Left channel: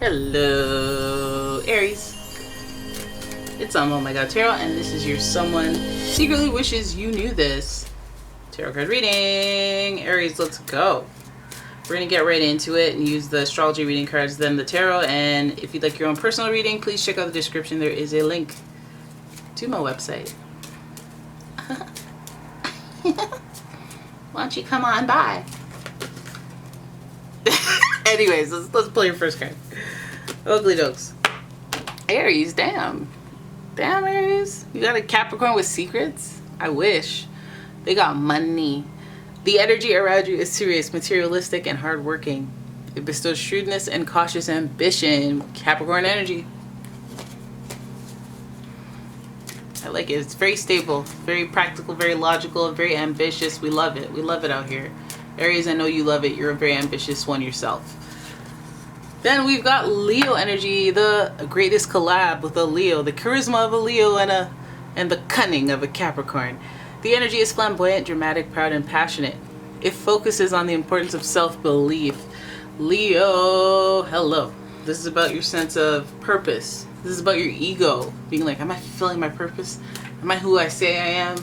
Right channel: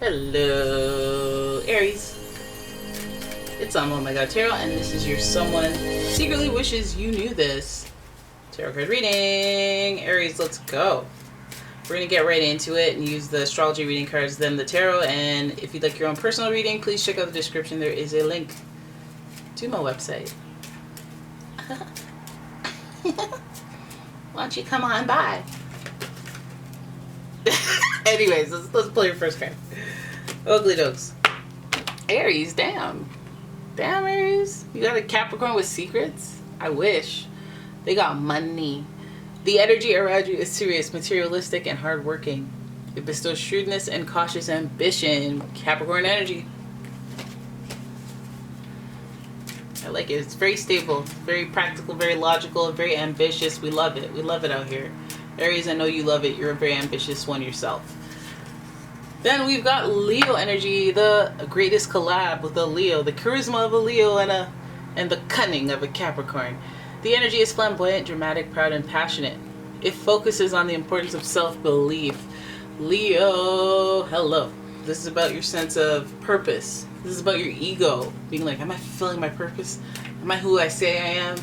Hello, Aries. It's umomgtarot, and this is your someone secretly wishes you knew this. Tarot card reading. Aries, let's go. We're going to get right into it and use the astrology reading cards, then the tarot. And if you'd like your own personal reading, please check out the description. There is a link to my website. Why don't you come on by? Anyways, let's play your first card. Ugly jokes. Aries, damn. Damn, Aries. You got a Capricorn with secrets? I wish. They got money. The energy around you is serious, materialistic, and hardworking. It bestows shrewdness and cautious ambition. Capricorn energy. I like it. It's very stable, very practical, very logical, very ambitious. We love it. We love it out here. Aries, I know you love it. You're a very ambitious one yourself. Then we've got Leo energy, the greatest collab with a Leo, the charisma of a Leo and the cunning of a Capricorn. The energy is flamboyant, dramatic, proud, and passionate. It focuses on the importance of self-belief. Leo, hello. This is about your sense of purpose. This is about your ego, being like, am I fulfilling my purpose? Am I who I say I am?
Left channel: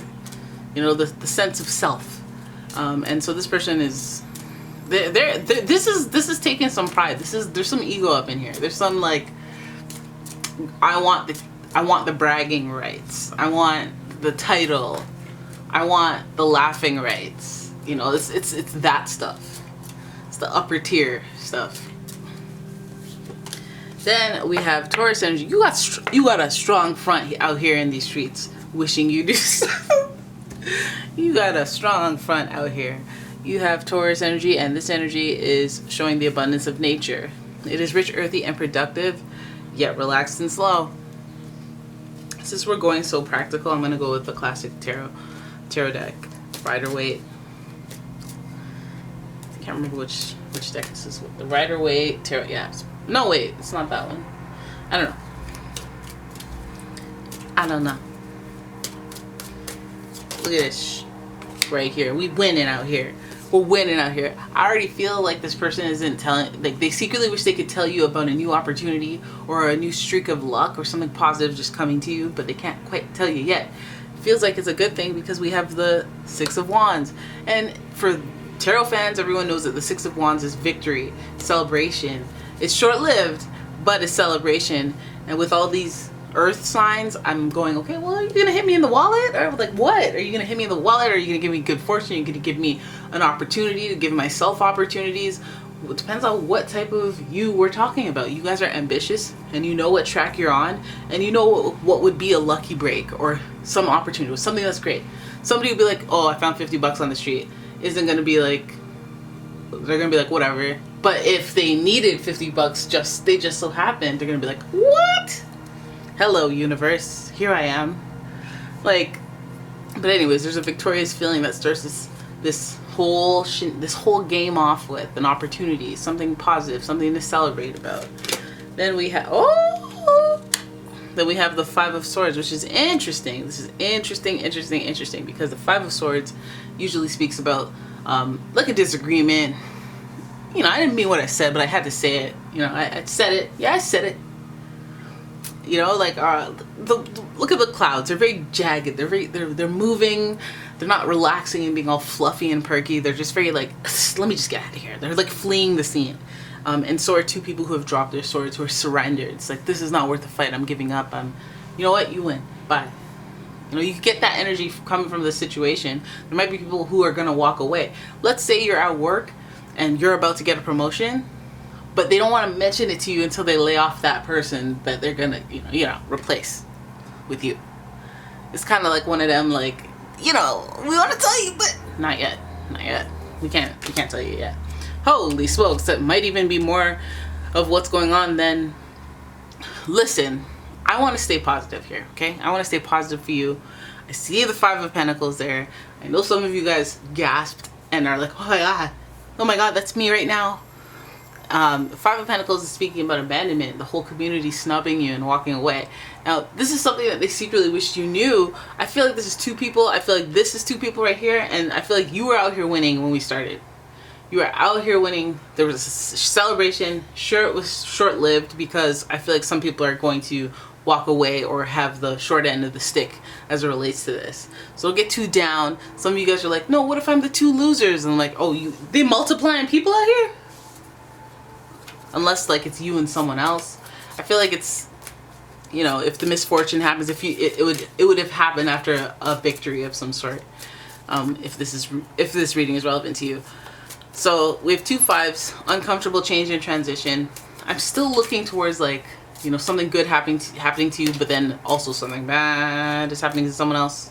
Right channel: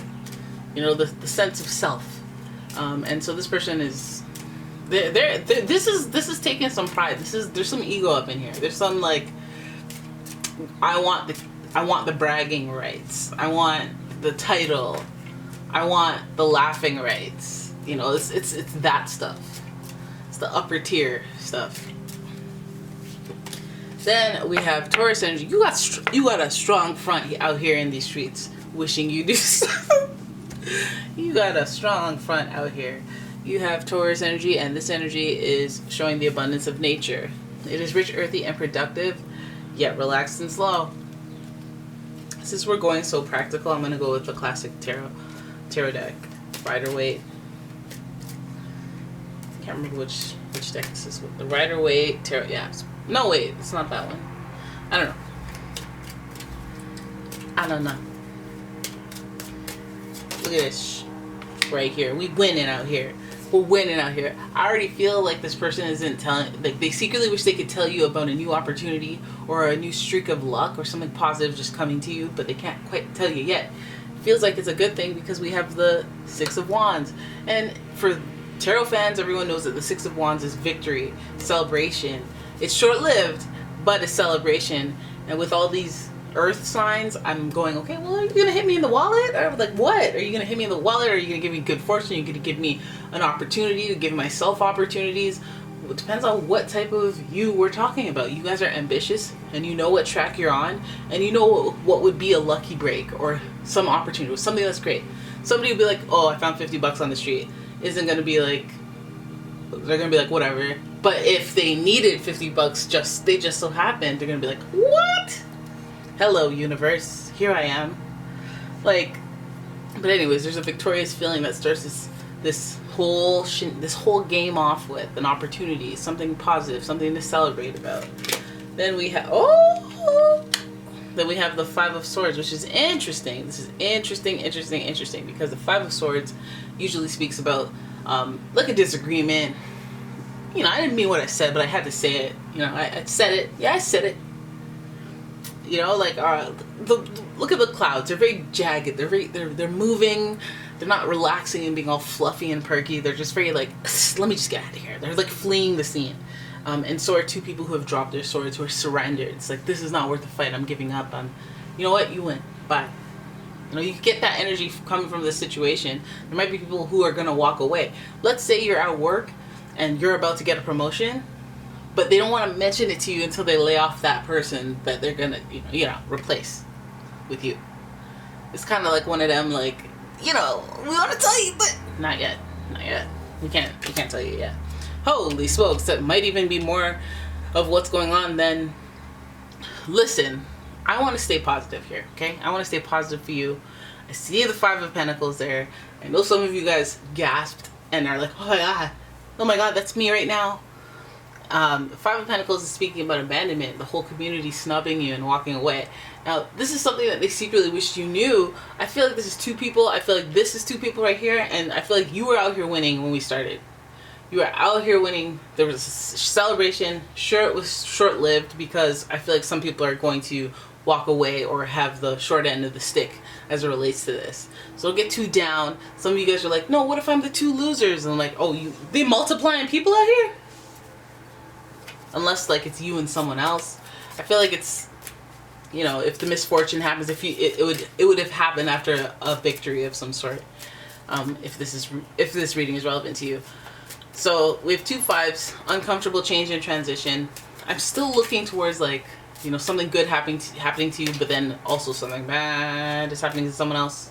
You know, the sense of self. And so this person is, this is taking some pride. There's some ego up in here. There's some like, I want the bragging rights. I want the title. I want the laughing rights. You know, it's that stuff. It's the upper tier stuff. Then we have Taurus energy. You got a strong front out here in these streets, wishing you do so. You got a strong front out here. You have Taurus energy, and this energy is showing the abundance of nature. It is rich, earthy, and productive, yet relaxed and slow. Since we're going so practical, I'm going to go with the classic tarot deck. Rider-Waite. I can't remember which deck this is with. The Rider-Waite tarot. Yeah. No, wait. It's not that one. I don't know. Look at this right here. We winning out here. We're winning out here. I already feel like this person isn't telling, like they secretly wish they could tell you about a new opportunity or a new streak of luck or something positive just coming to you, but they can't quite tell you yet. Feels like it's a good thing because we have the Six of Wands. And for tarot fans, everyone knows that the Six of Wands is victory, celebration. It's short-lived, but it's celebration. And with all these earth signs, I'm going, okay, well, are you going to hit me in the wallet? Or like, what? Are you going to hit me in the wallet? Or are you going to give me good fortune? Are you going to give me an opportunity to give myself opportunities? Well, it depends on what type of you we're talking about. You guys are ambitious, and you know what track you're on, and you know what would be a lucky break or some opportunity, or something that's great. Somebody would be like, oh, I found $50 on the street. Isn't going to be like, they're going to be like, whatever. But if they needed $50, they just so happened, they're going to be like, what? Hello, universe. Here I am. Like, but anyways, there's a victorious feeling that starts this whole game off with an opportunity, something positive, something to celebrate about. Then we have the Five of Swords, which is interesting. This is interesting because the Five of Swords usually speaks about like a disagreement. You know, I didn't mean what I said, but I had to say it. You know, I said it. Yeah, I said it. You know, like look at the clouds. They're very jagged. They're moving. They're not relaxing and being all fluffy and perky. They're just very like, let me just get out of here. They're like fleeing the scene. And so are two people who have dropped their swords, who are surrendered. It's like, this is not worth the fight. I'm giving up. You know what? You win. Bye. You know, you get that energy coming from this situation. There might be people who are gonna walk away. Let's say you're at work and you're about to get a promotion, but they don't want to mention it to you until they lay off that person that they're gonna, you know, replace with you. It's kind of like one of them, like, you know, we want to tell you, but not yet. We can't tell you yet. Holy smokes, that might even be more of what's going on than. Listen, I want to stay positive here, okay? I want to stay positive for you. I see the Five of Pentacles there. I know some of you guys gasped and are like, oh my god, that's me right now. Five of Pentacles is speaking about abandonment, the whole community snubbing you and walking away. Now, this is something that they secretly wished you knew. I feel like this is two people. I feel like this is two people right here, and I feel like you were out here winning when we started. You are out here winning. There was a celebration. Sure, it was short-lived because I feel like some people are going to walk away or have the short end of the stick as it relates to this. So don't get too down. Some of you guys are like, no, what if I'm the two losers? And I'm like, oh, they multiplying people out here? Unless like it's you and someone else. I feel like it's, you know, if the misfortune happens, it would have happened after a victory of some sort. If this reading is relevant to you. So we have 2 5s, uncomfortable change and transition. I'm still looking towards like, you know, something good happening to you, but then also something bad is happening to someone else.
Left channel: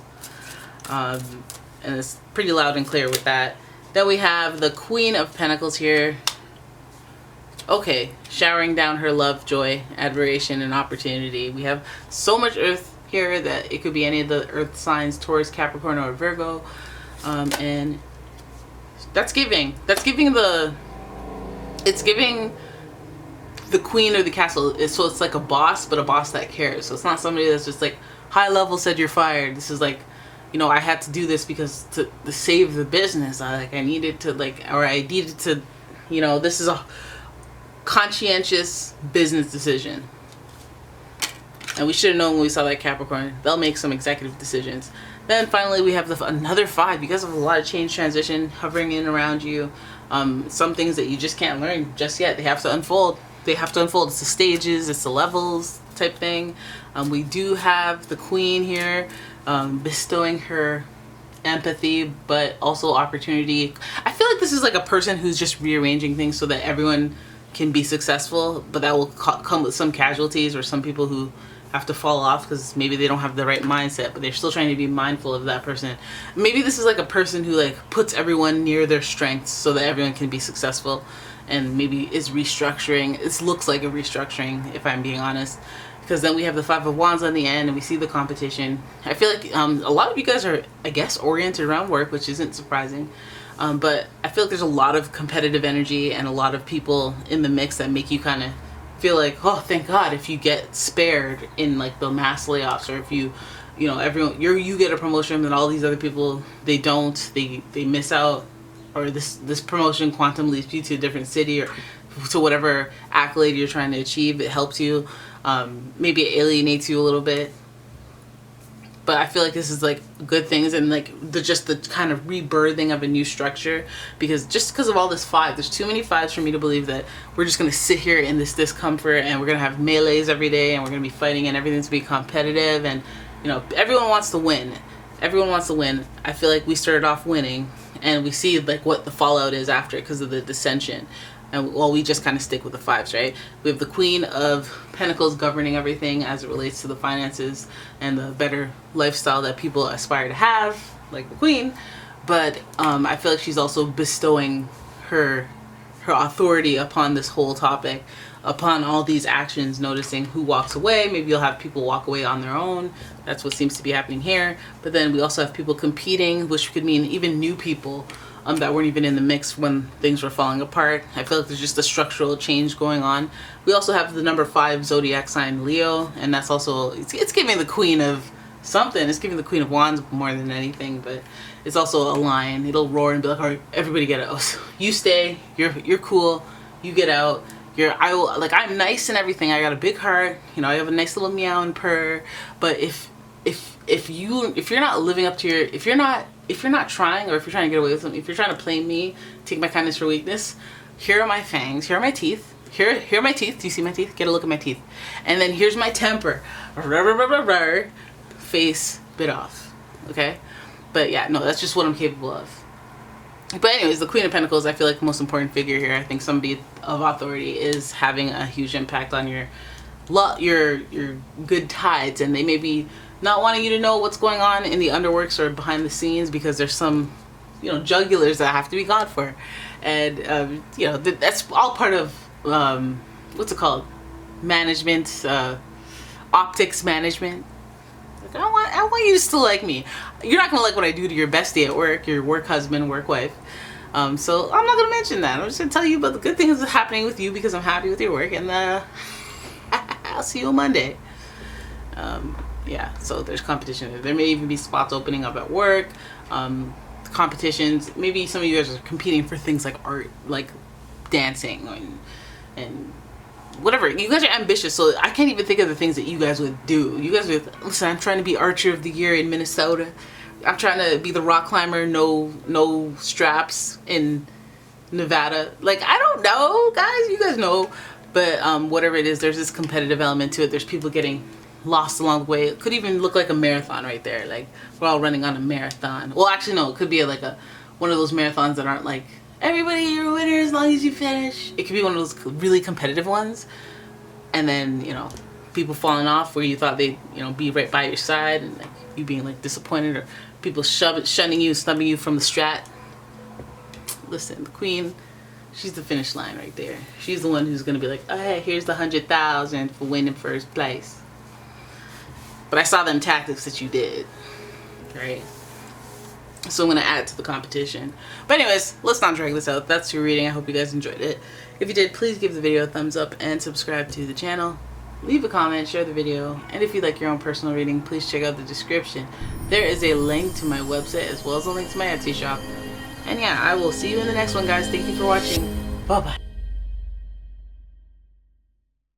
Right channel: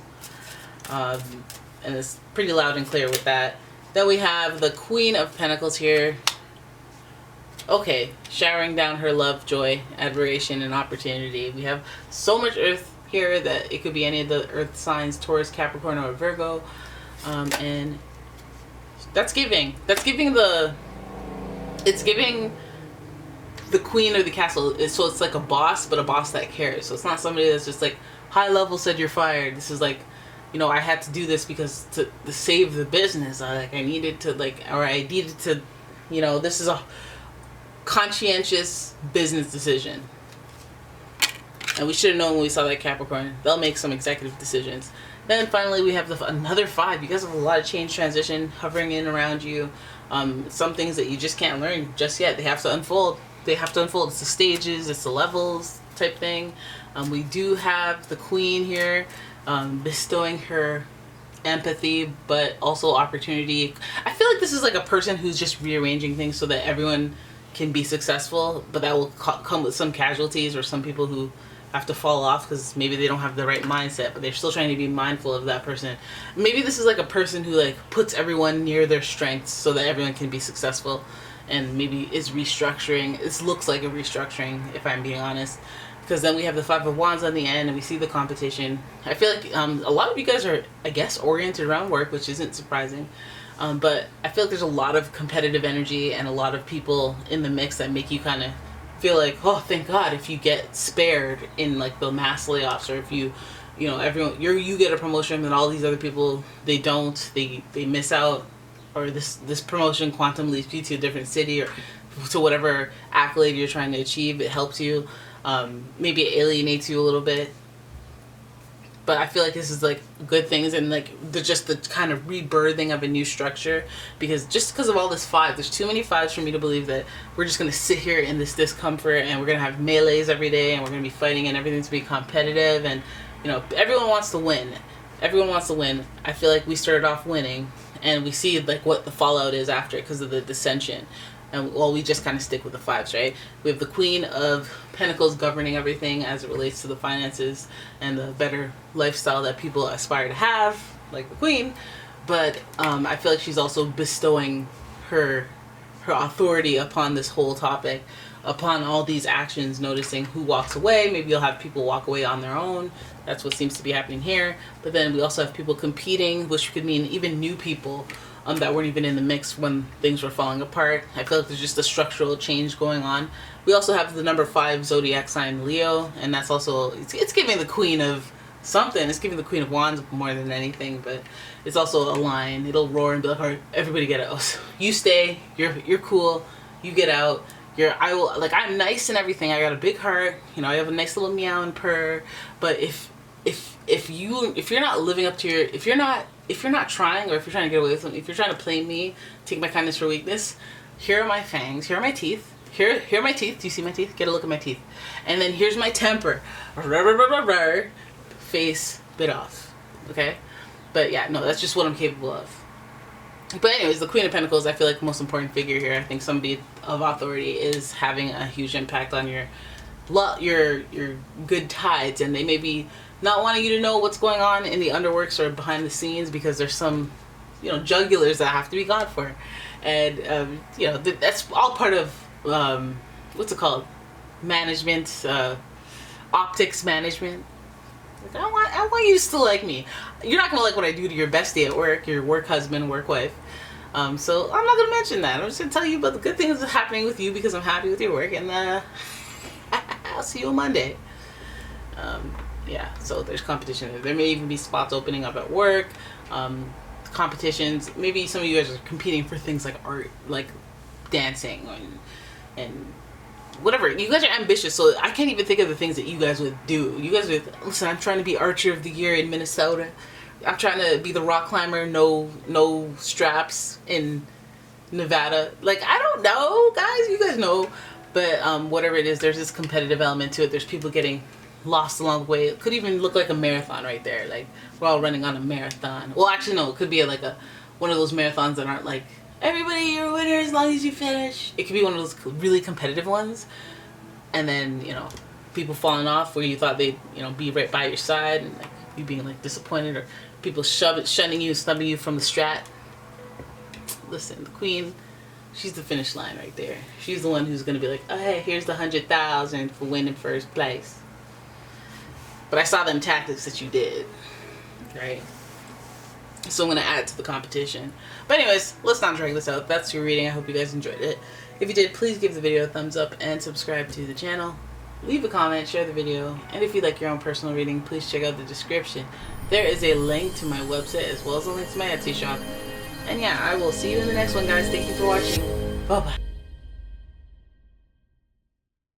And it's pretty loud and clear with that. Then we have the Queen of Pentacles here. Okay, showering down her love, joy, admiration, and opportunity. We have so much Earth here that it could be any of the Earth signs, Taurus, Capricorn, or Virgo. And it's giving the queen or the castle. So it's like a boss, but a boss that cares. So it's not somebody that's just like high level said you're fired. This is like, you know, I had to do this because to save the business. I needed to, you know, this is a conscientious business decision. And we should have known when we saw that Capricorn. They'll make some executive decisions. Then finally we have another 5. You guys have a lot of change, transition hovering in around you. Some things that you just can't learn just yet. They have to unfold. It's the stages, it's the levels type thing. We do have the Queen here, bestowing her empathy, but also opportunity. I feel like this is like a person who's just rearranging things so that everyone can be successful, but that will come with some casualties or some people who have to fall off because maybe they don't have the right mindset, but they're still trying to be mindful of that person. Maybe this is like a person who like puts everyone near their strengths so that everyone can be successful, and maybe is restructuring. This looks like a restructuring, if I'm being honest, because then we have the 5 of Wands on the end and we see the competition. I feel like a lot of you guys are, I guess, oriented around work, which isn't surprising. But I feel like there's a lot of competitive energy and a lot of people in the mix that make you kind of feel like, oh, thank God if you get spared in like the mass layoffs, or if you know, everyone, you get a promotion and all these other people, they don't, they miss out, or this promotion quantum leads you to a different city or to whatever accolade you're trying to achieve. It helps you. Maybe it alienates you a little bit. But I feel like this is like good things, and like just the kind of rebirthing of a new structure, because of all this 5, there's too many 5s for me to believe that we're just going to sit here in this discomfort and we're going to have melees every day and we're going to be fighting and everything's going to be competitive, and you know, everyone wants to win. I feel like we started off winning and we see like what the fallout is after because of the dissension. And well, we just kind of stick with the 5s, right? We have the Queen of Pentacles governing everything as it relates to the finances and the better lifestyle that people aspire to have, like the Queen. But I feel like she's also bestowing her authority upon this whole topic, upon all these actions, noticing who walks away. Maybe you'll have people walk away on their own. That's what seems to be happening here. But then we also have people competing, which could mean even new people that weren't even in the mix when things were falling apart. I feel like there's just a structural change going on. We also have the number 5 zodiac sign, Leo, and that's also, it's giving the Queen of something. It's giving the Queen of Wands more than anything, but it's also a line. It'll roar and be like, all right, everybody get out. So you stay, you're cool, you get out. I'm nice and everything. I got a big heart, you know, I have a nice little meow and purr, but if you're not living up to if you're not trying, or if you're trying to get away with something, if you're trying to play me, take my kindness for weakness, here are my fangs, here are my teeth, here are my teeth. Do you see my teeth? Get a look at my teeth. And then here's my temper. Face bit off. Okay? But yeah, no, that's just what I'm capable of. But anyways, the Queen of Pentacles, I feel like the most important figure here. I think somebody of authority is having a huge impact on your good tides, and they may be not wanting you to know what's going on in the underworks or behind the scenes, because there's some, you know, jugulars that have to be gone for. And you know, that's all part of what's it called, management, optics management. Like, I want you to still like me. You're not gonna like what I do to your bestie at work, your work husband, work wife. So I'm not gonna mention that. I'm just gonna tell you about the good things that's happening with you, because I'm happy with your work, and I'll see you on Monday. Yeah, so there's competition. There may even be spots opening up at work. competitions. Maybe some of you guys are competing for things like art, like dancing and whatever. You guys are ambitious, so I can't even think of the things that you guys would do. You guys would listen. I'm trying to be Archer of the Year in Minnesota. I'm trying to be the rock climber, no straps in Nevada. Like, I don't know, guys. You guys know, but whatever it is, there's this competitive element to it. There's people getting lost along the way. It could even look like a marathon right there. Like, we're all running on a marathon. Well, actually, no. It could be like one of those marathons that aren't like, everybody, you're a winner as long as you finish. It could be one of those really competitive ones. And then, you know, people falling off where you thought they'd, you know, be right by your side, and like you being like disappointed, or people shunning you, snubbing you from the strat. Listen, the queen, she's the finish line right there. She's the one who's going to be like, oh, hey, here's the 100,000 for winning first place. But I saw them tactics that you did, right? So I'm going to add it to the competition. But anyways, let's not drag this out. That's your reading. I hope you guys enjoyed it. If you did, please give the video a thumbs up and subscribe to the channel. Leave a comment, share the video, and if you'd like your own personal reading, please check out the description. There is a link to my website as well as a link to my Etsy shop. And yeah, I will see you in the next one, guys. Thank you for watching. Bye-bye.